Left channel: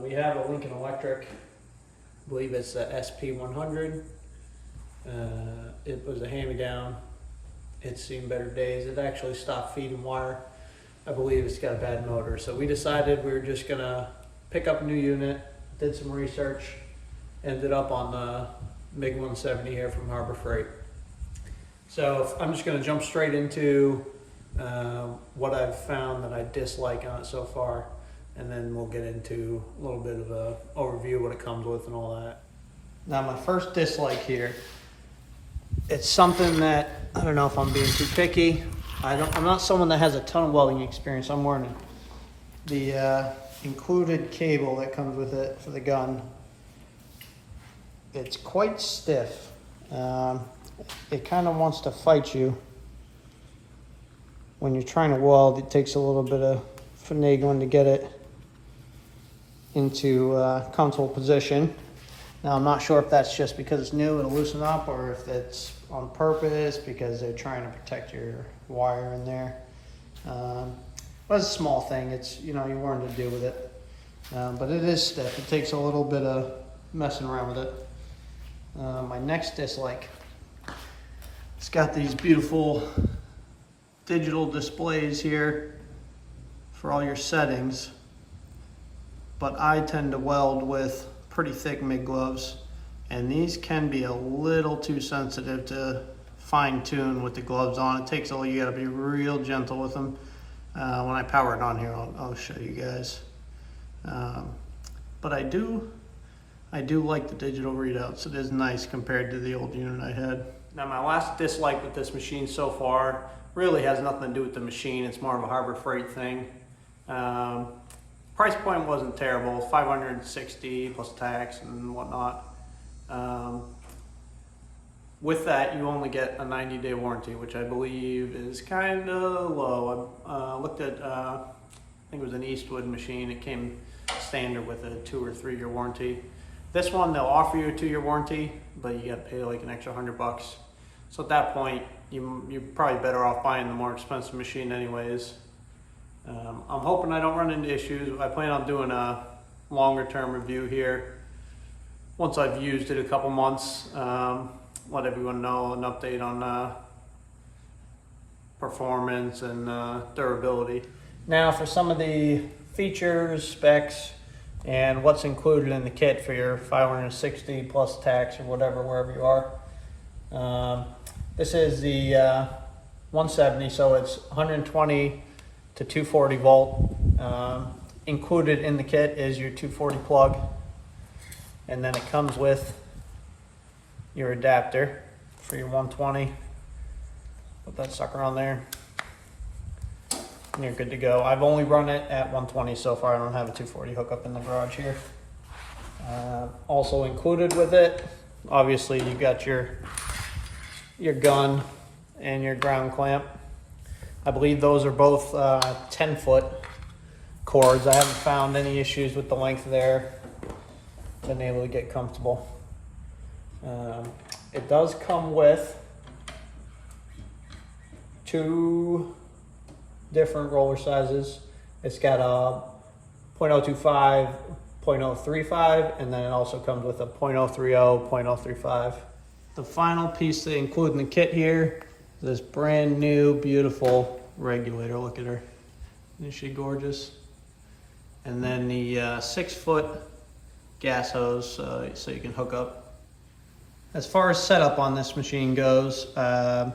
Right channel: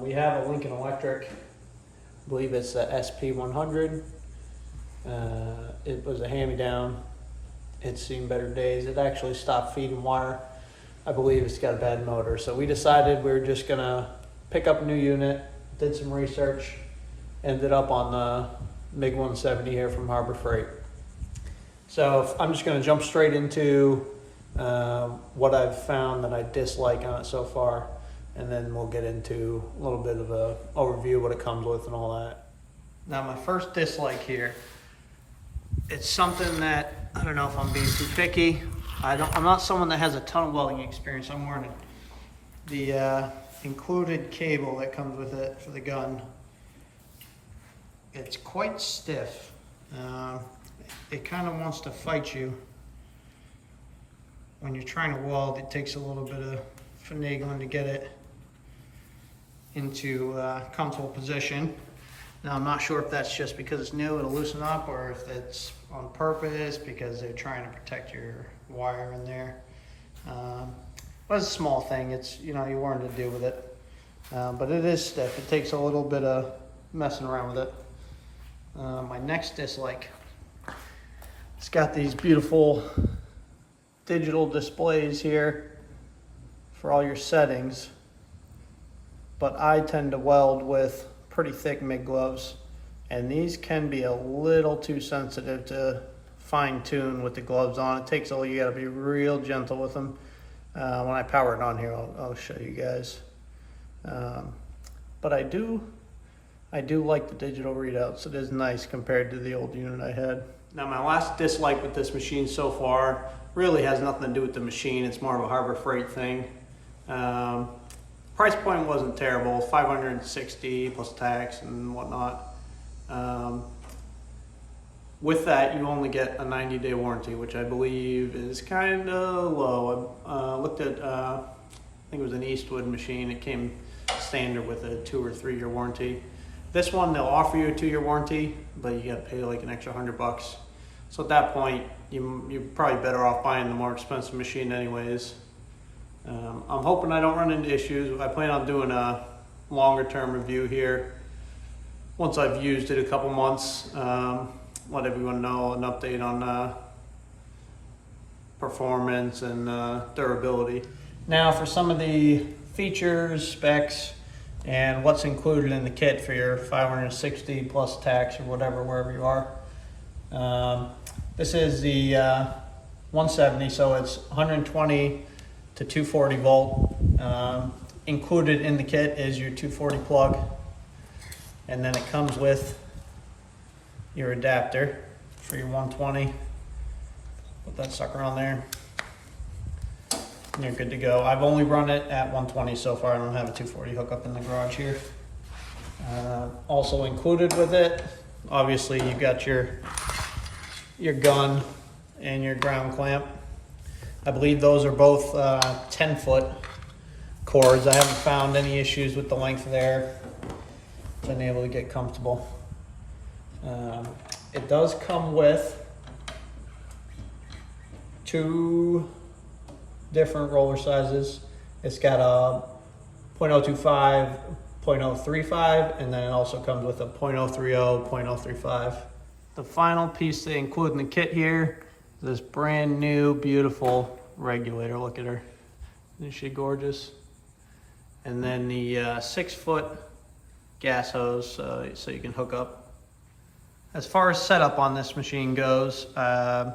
We have a Lincoln Electric, I believe it's the SP100. It was a hand-me-down. It's seen better days. It actually stopped feeding wire. I believe it's got a bad motor. So we decided we were just gonna pick up a new unit, did some research, ended up on the MIG 170 here from Harbor Freight. So I'm just gonna jump straight into what I've found that I dislike on it so far, and then we'll get into a little bit of a overview of what it comes with and all that. Now my first dislike here, it's something that, I don't know if I'm being too picky. I'm not someone that has a ton of welding experience. I'm warning. The included cable that comes with it for the gun, it's quite stiff. It kind of wants to fight you when you're trying to weld. It takes a little bit of finagling to get it into a comfortable position. Now I'm not sure if that's just because it's new, it'll loosen up, or if it's on purpose because they're trying to protect your wire in there. But it's a small thing. It's, you know, you learn to deal with it. But it is stiff. It takes a little bit of messing around with it. My next dislike, it's got these beautiful digital displays here for all your settings, but I tend to weld with pretty thick MIG gloves, and these can be a little too sensitive to fine tune with the gloves on. It takes a little, you gotta be real gentle with them. When I power it on here, I'll show you guys. But I do like the digital readouts. It is nice compared to the old unit I had. Now my last dislike with this machine so far really has nothing to do with the machine. It's more of a Harbor Freight thing. Price point wasn't terrible, $560 plus tax and whatnot. With that, you only get a 90-day warranty, which I believe is kind of low. I looked at, I think it was an Eastwood machine. It came standard with a 2 or 3 year warranty. This one, they'll offer you a 2 year warranty, but you got to pay like an extra $100. So at that point, you're probably better off buying the more expensive machine anyways. I'm hoping I don't run into issues. I plan on doing a longer term review here once I've used it a couple months. Let everyone know an update on performance and durability. Now for some of the features, specs, and what's included in the kit for your 560 plus tax or whatever, wherever you are. This is the 170, so it's 120 to 240 volt. Included in the kit is your 240 plug, and then it comes with your adapter for your 120. Put that sucker on there, and you're good to go. I've only run it at 120 so far. I don't have a 240 hookup in the garage here. Also included with it, obviously you've got your gun and your ground clamp. I believe those are both 10-foot cords. I haven't found any issues with the length there. Been able to get comfortable. It does come with 2 different roller sizes. It's got a 0.025, 0.035, and then it also comes with a 0.030, 0.035. The final piece they include in the kit here is this brand new, beautiful regulator. Look at her. Isn't she gorgeous? And then the 6-foot gas hose, so you can hook up. As far as setup on this machine goes, I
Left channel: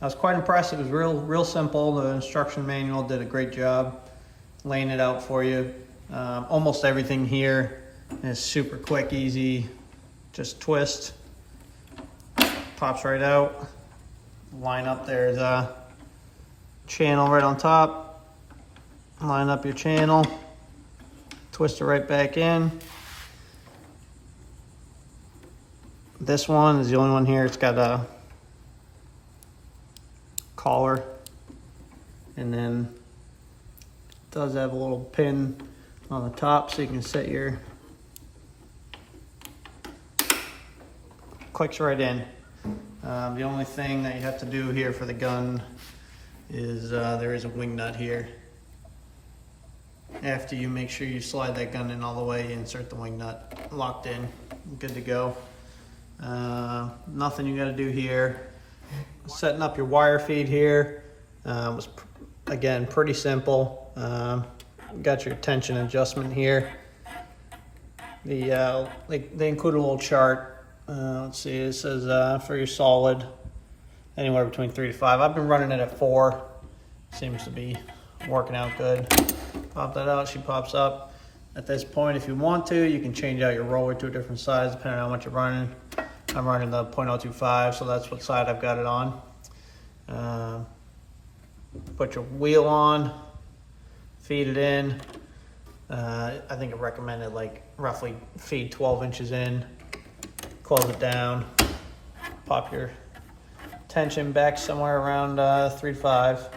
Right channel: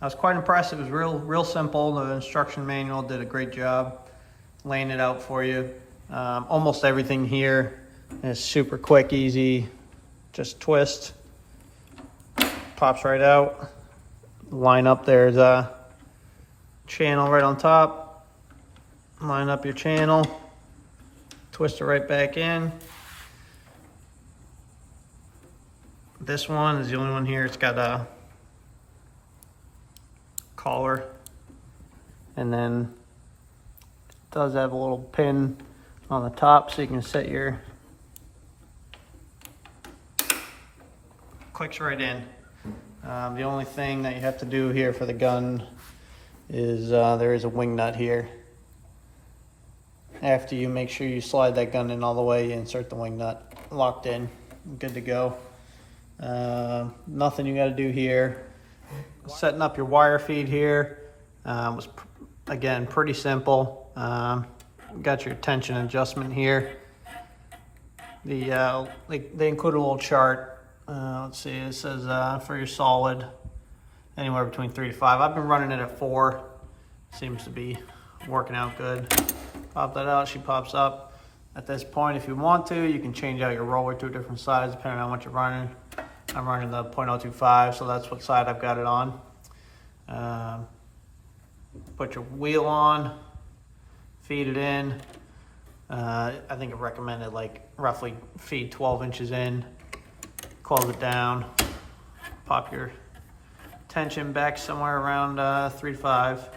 was quite impressed. It was real simple. The instruction manual did a great job laying it out for you. Almost everything here is super quick, easy. Just twist, pops right out. Line up, there's a channel right on top. Line up your channel, twist it right back in. This one is the only one here. It's got a collar, and then it does have a little pin on the top so you can set your, clicks right in. The only thing that you have to do here for the gun is there is a wing nut here. After you make sure you slide that gun in all the way, you insert the wing nut, locked in, good to go. Nothing you got to do here. Setting up your wire feed here was again pretty simple. Got your tension adjustment here. They include a little chart. Let's see, it says for your solid anywhere between 3 to 5. I've been running it at 4. Seems to be working out good. Pop that out, she pops up. At this point, if you want to, you can change out your roller to a different size depending on what you're running. I'm running the .025, so that's what side I've got it on. Put your wheel on, feed it in. I think I recommended like roughly feed 12 inches in, close it down, pop your tension back somewhere around 3 to 5.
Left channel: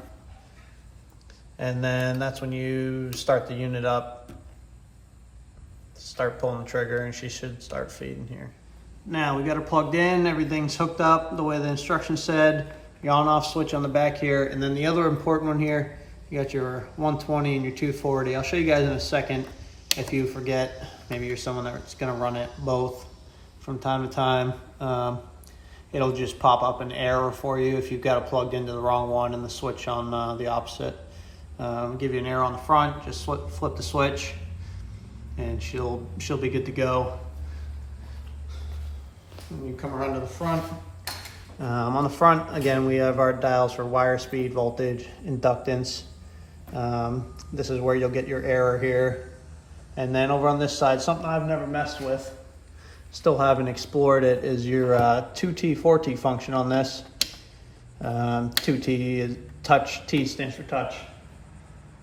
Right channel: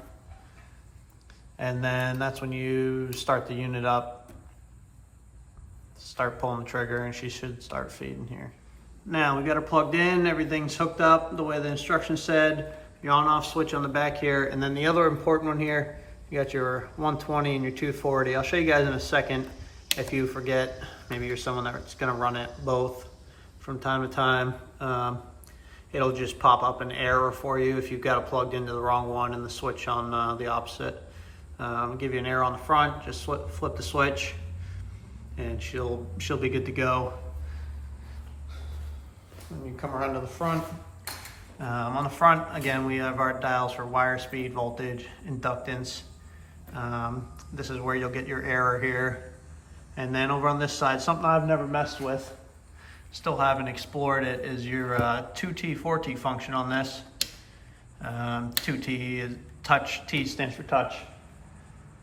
And then that's when you start the unit up, start pulling the trigger, and she should start feeding here. Now we got her plugged in, everything's hooked up the way the instructions said. Your on-off switch on the back here, and then the other important one here, you got your 120 and your 240. I'll show you guys in a second if you forget. Maybe you're someone that's gonna run it both from time to time. It'll just pop up an error for you if you've got it plugged into the wrong one and the switch on the opposite. Give you an error on the front, just flip the switch and she'll be good to go. When you come around to the front, on the front, again, we have our dials for wire speed, voltage, inductance. This is where you'll get your error here. And then over on this side, something I've never messed with, still haven't explored it, is your 2T, 4T function on this. 2T is touch, T stands for touch.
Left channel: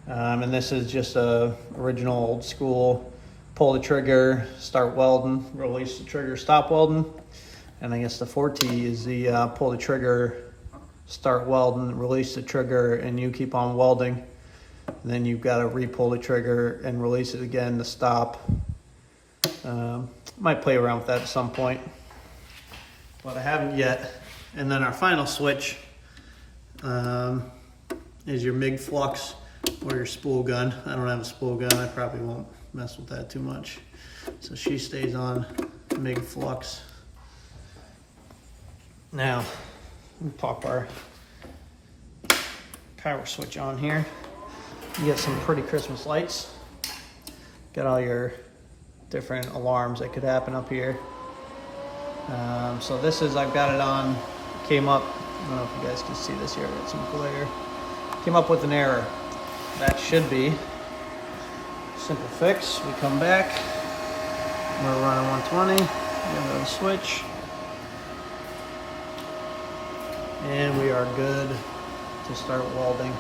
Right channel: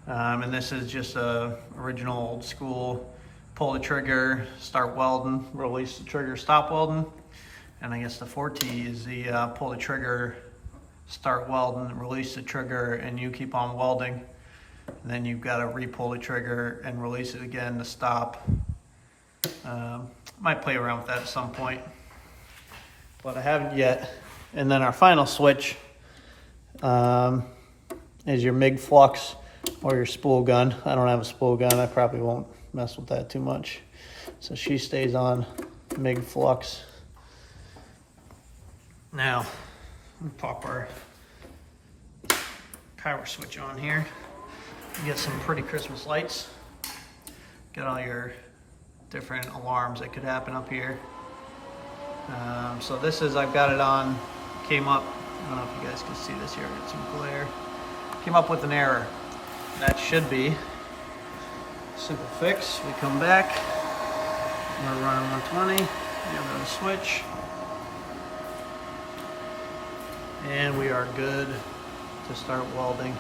And this is just a original old school, pull the trigger, start welding, release the trigger, stop welding. And I guess the 4T is the pull the trigger, start welding, release the trigger, and you keep on welding. And then you've got to re-pull the trigger and release it again to stop. Might play around with that at some point, but I haven't yet. And then our final switch is your MIG flux or your spool gun. I don't have a spool gun. I probably won't mess with that too much. So she stays on MIG flux. Now, let me pop our power switch on here. You get some pretty Christmas lights. Got all your different alarms that could happen up here. So this is, I've got it on, came up, I don't know if you guys can see this here, I got some glare. Came up with an error. That should be simple fix. We come back, we're running 120, we have the switch. And we are good to start welding.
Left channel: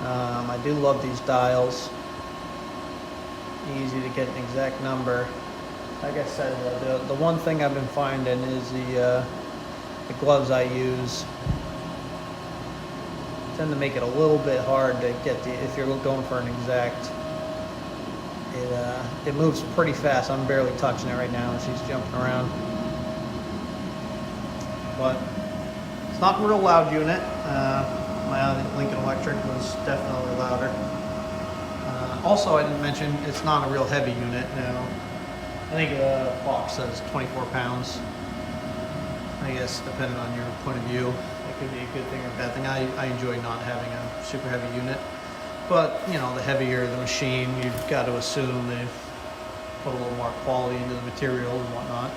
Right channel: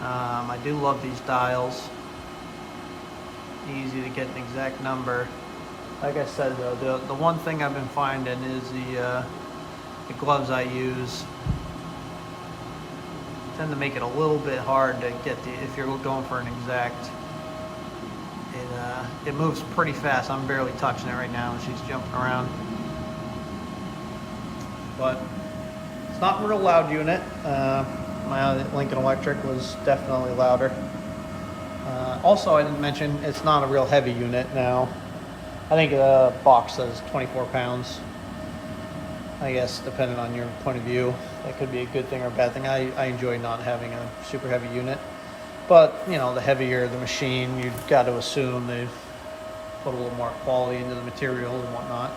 I do love these dials. Easy to get an exact number. Like I said, the one thing I've been finding is the gloves I use tend to make it a little bit hard to get if you're going for an exact. It moves pretty fast. I'm barely touching it right now and she's jumping around. But it's not a real loud unit. My Lincoln Electric was definitely louder. Also, I didn't mention, it's not a real heavy unit now. I think the box says 24 pounds. I guess, depending on your point of view, that could be a good thing or a bad thing. I enjoy not having a super heavy unit. But, you know, the heavier the machine, you've got to assume they've put a little more quality into the material and whatnot.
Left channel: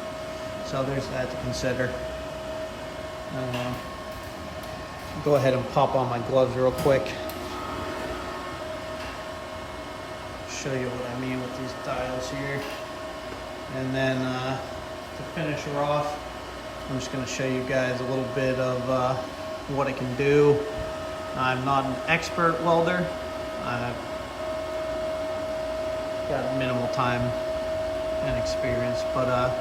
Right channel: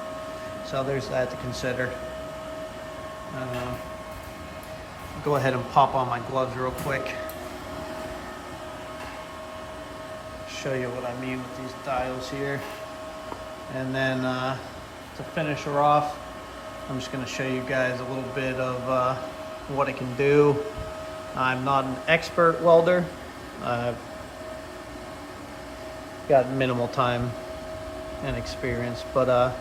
So there's that to consider. Go ahead and pop on my gloves real quick. Show you what I mean with these dials here. And then to finish her off, I'm just going to show you guys a little bit of what it can do. I'm not an expert welder. I've got minimal time and experience, but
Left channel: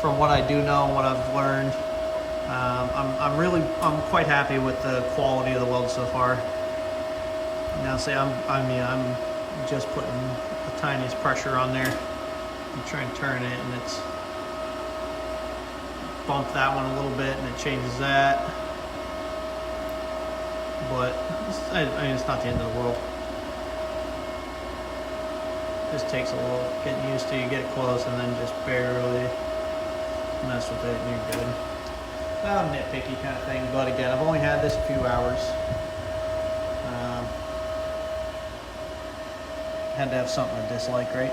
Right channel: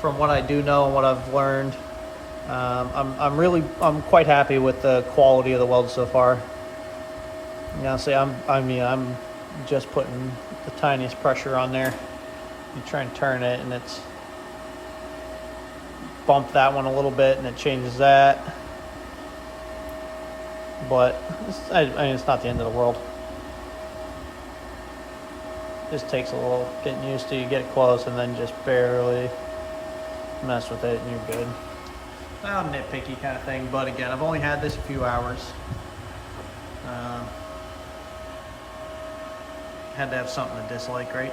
from what I do know and what I've learned, I'm quite happy with the quality of the weld so far. Honestly, I'm just putting the tiniest pressure on there. You try and turn it, and it's bump that one a little bit, and it changes that. But I mean, it's not the end of the world. Just takes a little getting used to. You get close and then just barely mess with it and you're good. Well, nitpicky kind of thing, but again, I've only had this a few hours. Had to have something to dislike, right?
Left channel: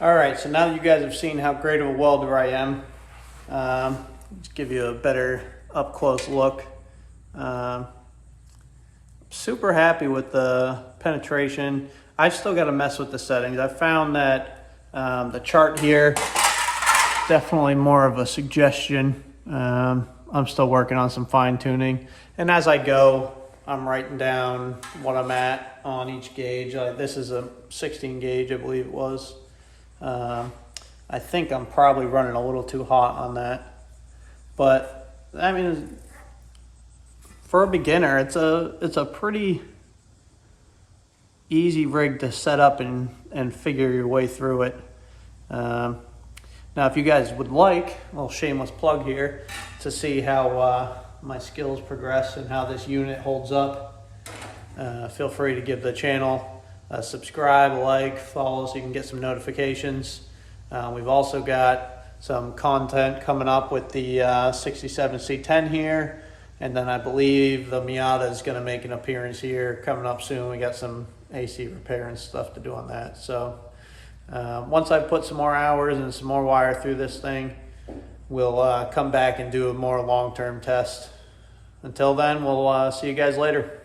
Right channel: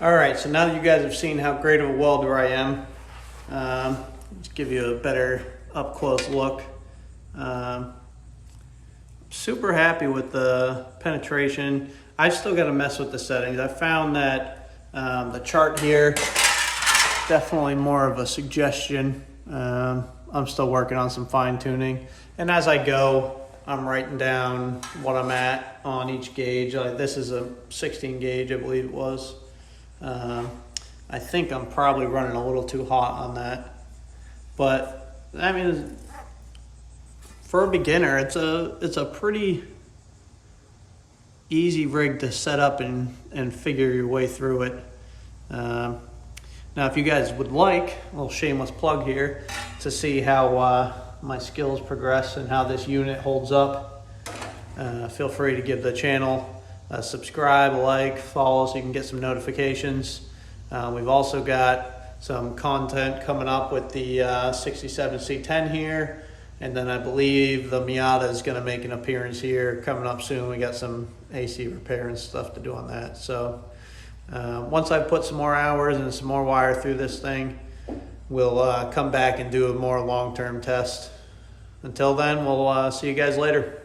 All right, so now that you guys have seen how great of a welder I am, let's give you a better up close look. Super happy with the penetration. I've still got to mess with the settings. I found that the chart here, definitely more of a suggestion. I'm still working on some fine tuning. And as I go, I'm writing down what I'm at on each gauge. Like this is a 16 gauge, I believe it was. I think I'm probably running a little too hot on that, but I mean, for a beginner, it's a pretty easy rig to set up and figure your way through it. Now, if you guys would like, a little shameless plug here, to see how my skills progress and how this unit holds up, feel free to give the channel subscribe, like, follow so you can get some notifications. We've also got some content coming up with the 67C10 here, and then I believe the Miata is going to make an appearance here coming up soon. We got some AC repair and stuff to do on that. So once I put some more hours and some more wire through this thing, we'll come back and do a more long-term test. Until then, we'll see you guys later.